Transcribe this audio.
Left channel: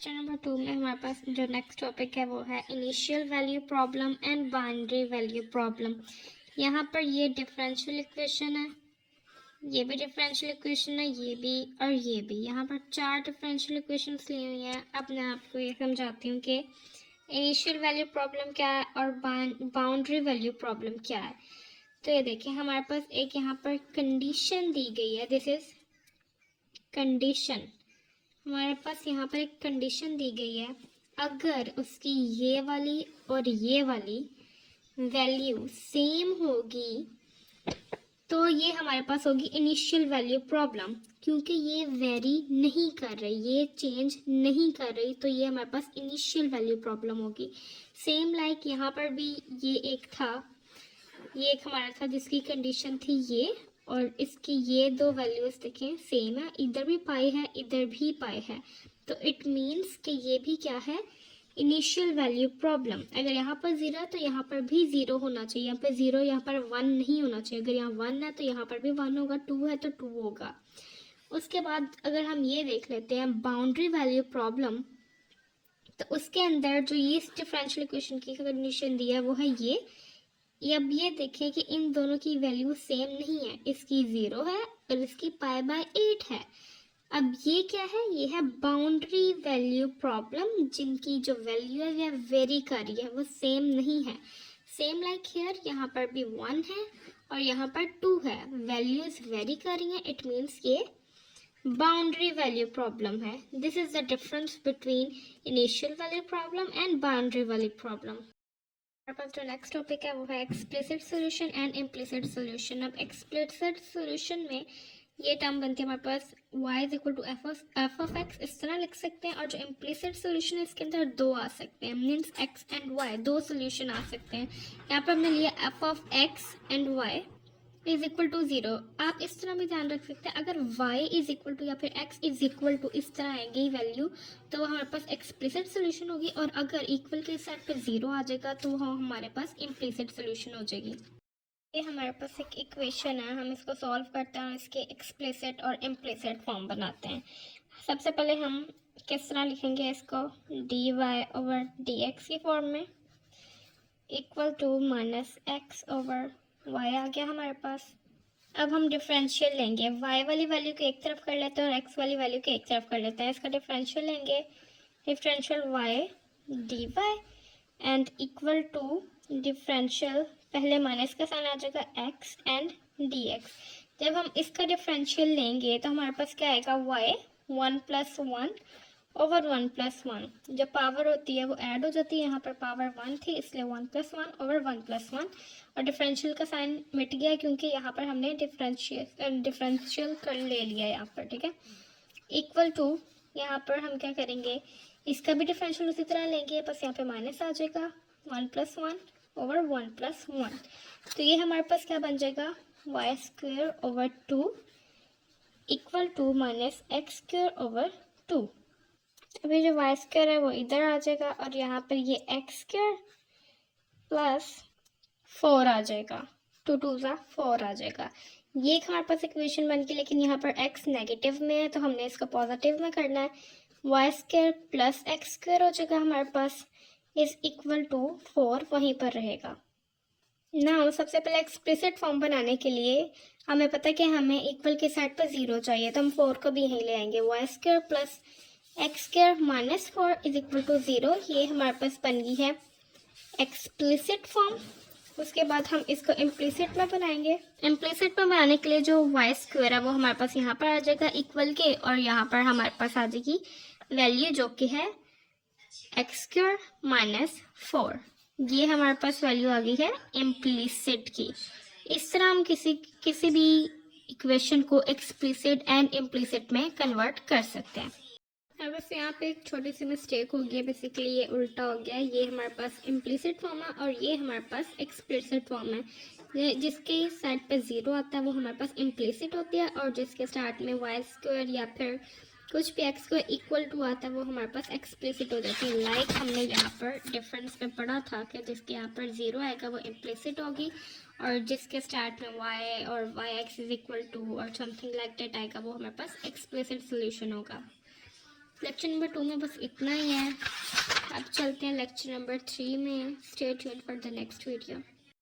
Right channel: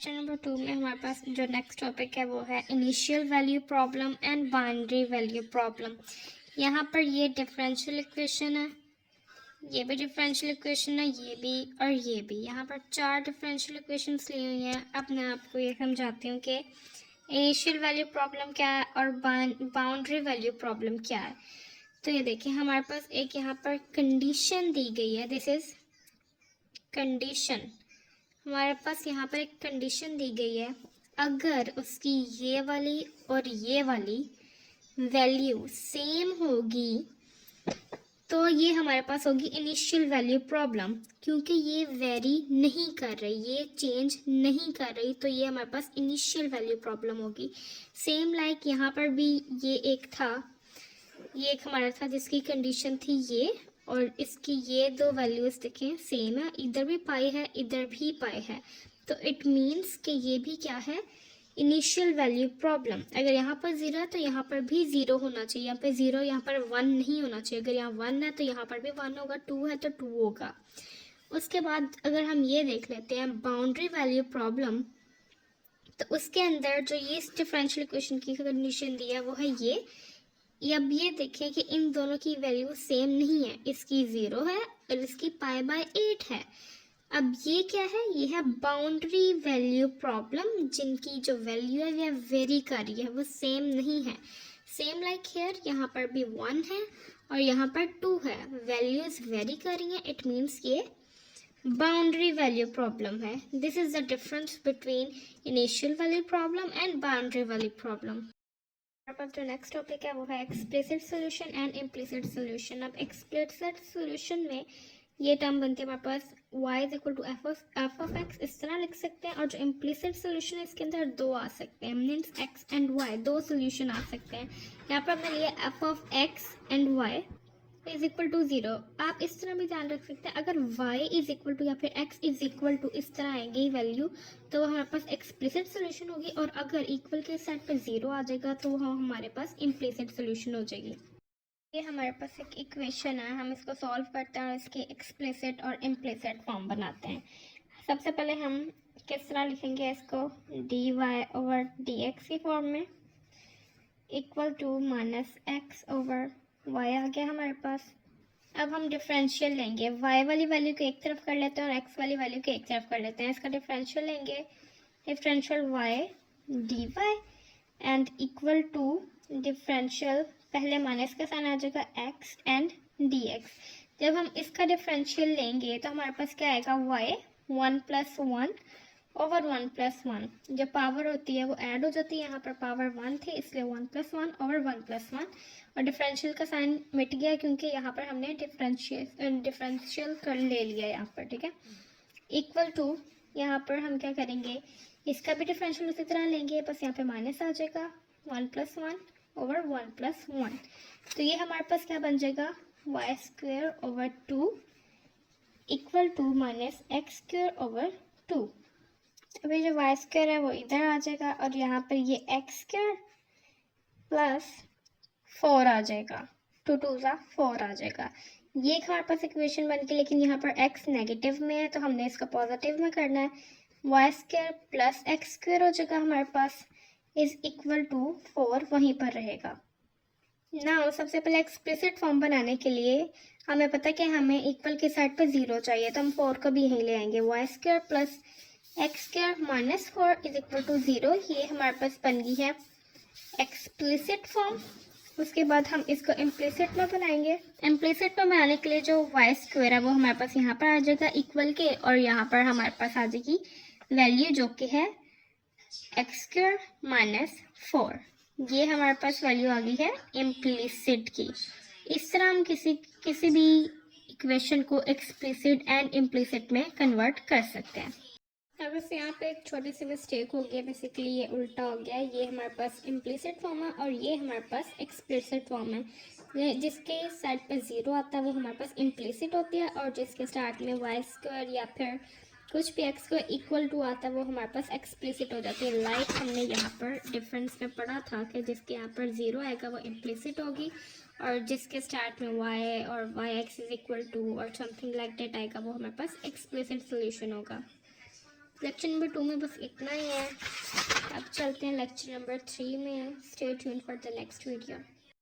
Question number 2 में हमारे पास जो नेक्स्ट टॉपिक है वो है initial value problem and boundary value problem. यहाँ पर ये डिफरेंशियल इक्वेशन है, ये भी डिफरेंशियल इक्वेशन है, ये भी और ये भी। यहाँ पर 4 डिफरेंशियल इक्वेशंस ली हुई हैं। अब मैं आपको ये समझाती हूँ कि इनिशियल वैल्यू प्रॉब्लम क्या है और बाउंड्री वैल्यू प्रॉब्लम क्या है। तो ये देखिए, हमारे पास एक यहाँ पर कंडीशन दी गई है। This is condition. हमारे पास यहाँ पर एक कंडीशन दी गई है, अगर उसकी ये वाली और ये वाली वैल्यू सेम होगी तो ये हमारे पास होगी इनिशियल वैल्यू प्रॉब्लम। क्योंकि ये वेरी नहीं कर रही, ये चेंज नहीं कर रही, तो ये हमारे पास इनिशियल वैल्यू प्रॉब्लम होगी। सेम लाइक यहाँ पर भी ये एक था, ये एक हमारा था जिसकी कंडीशन थी ये, और इसकी ये दो वैल्यूज देखें सेम है, इधर भी पाई है इधर भी पाई है, तो इट मीन्स कि ये भी क्या है, इनिशियल वैल्यू प्रॉब्लम। अगर यहाँ पर 0 है तो यहाँ पर भी 0 होना चाहिए, यहाँ पे 0, यहाँ पर 1 नहीं होना चाहिए। अगर यहाँ 1 है तो यहाँ पर भी 1 होगा, 2 है तो 2 होगा। उसके बाद अगर हम ये देख लेते हैं बाउंड्री वैल्यू प्रॉब्लम, तो उसके अंदर जो ये डिफरेंशियल इक्वेशन की कंडीशन दी है वो है ये। अब ये देखें कि इन दोनों की वैल्यू सेम नहीं है, इसकी 0 है और इसकी π/8 है। अब ये क्या है, ये है बाउंड्री वैल्यू प्रॉब्लम, जिनकी जो वैल्यू है वह वेरी कर रही है, वो सेम नहीं है। सेम लाइक हियर, यहाँ पर भी 1 है और यहाँ पर 2 है, वैल्यूज वेरी कर रही हैं, इट मीन्स ये बाउंड्री वैल्यू प्रॉब्लम है। This is the difference between initial value problem and boundary value problem. हमारे पास जो नेक्स्ट टॉपिक है वो है explicit solution and implicit solution. अब एक्सप्लिसिट सॉल्यूशन में ये टर्म बनती है हमारे पास y is equal to f of x, इस तरह लिख सकते हैं। और जो इम्प्लिसिट सॉल्यूशन है इसके अंदर दो आ सकते हैं, मीन्स x एंड y, दो सॉल्यूशन आ सकते हैं। यहाँ पर हमने लिया f of x and y is equal to 0। आप इस तरह भी ध्यान रख सकते हैं, अगर y इज इक्वल टू या फिर x इज इक्वल टू इस तरह आएंगे वैल्यू तो हमारे पास एक्सप्लिसिट सोल्यूशन होगी, और अगर इक्वल के साइड पे 0 आ जाएगा तो हमारे पास इम्प्लिसिट सोल्यूशन हो जाएगी। ये हमारे पास एक इक्वेशन है, हम इसको सॉल्व करते हैं और इसके एक्सप्लिसिट और इम्प्लिसिट फॉर्म बनाते हैं। सबसे पहले हम किस तरह लिखेंगे इसको, D Y over D X की फॉर्म में equal to minus X over Y आ गया हमारे पास। अब हम डिफरेंशियल लेंगे, y वाली वैल्यू को एक तरफ कर लेते हैं और x वाली वैल्यू को एक तरफ कर लेते हैं। इसका डिफरेंशियल लेंगे, differential y dy and equal to differential, पहले माइनस का साइन आ जाएगा x एंड dx। जब हम इसका डिफरेंशियल लेंगे तो हमारे पास क्या आएगा, y 1 + 1 ओवर 1 + 1। जब पावर होती है वो ऐड हो जाती है, यहाँ पर पावर 1 थी इसलिए 1 + 1 ओवर 1 + 1, और डिफरेंशियल का साइन मिट गया क्योंकि यहाँ पर हमने डिफरेंशियल कर ले लिया यहाँ पर, ठीक है। इक्वल टू, यहाँ पर हम क्या करेंगे, इसका भी डिफरेंशियल उसी तरह लेंगे, बस यहाँ पे माइनस आ जाएगा, 1 + 1 ओवर 1 + 1। तो ये हमारे पास क्या बन जाएगा, y² over 2 equal to minus x² over 2। अभी जो y² है वो इधर आ जाएगा और यहाँ पर ये x² प्लस 4 आ जाएगा, 2 2 4 आ जाएगा। ये एक हमारे पास इक्वेशन बन गई, लेकिन यहाँ पर x नेगेटिव में है तो हमने इसको पॉजिटिव में करना है। y² प्लस x² हो जाएगा हमारे पास, इज इक्वल टू 4 वहीं पर रहेगा ना। सबसे पहले एक्सप्लिसिट फॉर्म बनाने के लिए हमें पता है कि हमें इक्वल की साइड पर 0 चाहिए, तो हम 4 को भी यहीं ले आएंगे। y² plus x² minus 4 is equal to 0। ये हमारे पास बन गई है एक्सप्लिसिट फॉर्म। उसके बाद हम इसको इम्प्लिसिट में बनाएंगे। इम्प्लिसिट में बनाने के लिए जो y² है वो हमारे पास यहाँ पर आ जाएगा इक्वल के, और यहाँ पर हमारे पास आ जाएगी वैल्यू जो कि है x² माइनस 4। ये हमारे पास वैल्यू आ गई है इम्प्लिसिट की। इस तरह हम किसी भी इक्वेशन को एक्सप्लिसिट एंड इम्प्लिसिट में कन्वर्ट कर सकते हैं। अब बस यहाँ पे एक छोटी सी मिस्टेक हो गई, बेसिकली ये उल्टा हो गया। ये हमारे पास इम्प्लिसिट फॉर्म है और ये हमारे पास एक्सप्लिसिट फॉर्म है। जिसके साइड पे 0 आता है वो हमारे पास इम्प्लिसिट होती है, और जिसके स्टार्ट में y² या फिर कुछ भी x² इक्वल टू आता है वो हमारे पास एक्सप्लिसिट हो जाती है। लाइक हमने यहाँ पर डिफरेंस में पढ़ा था कि जिसके यहाँ पर 0 आएगा वो इम्प्लिसिट होगी, और जिसके स्टार्ट में y और yx इज इक्वल टू और समथिंग लाइक दैट आएगा वो हमारे पास एक्सप्लिसिट सोल्यूशन होगा। लेक्चर नंबर 2 में बस इतना ही है। अब चलते हैं लेक्चर नंबर 3 में। Stay tuned for the next video.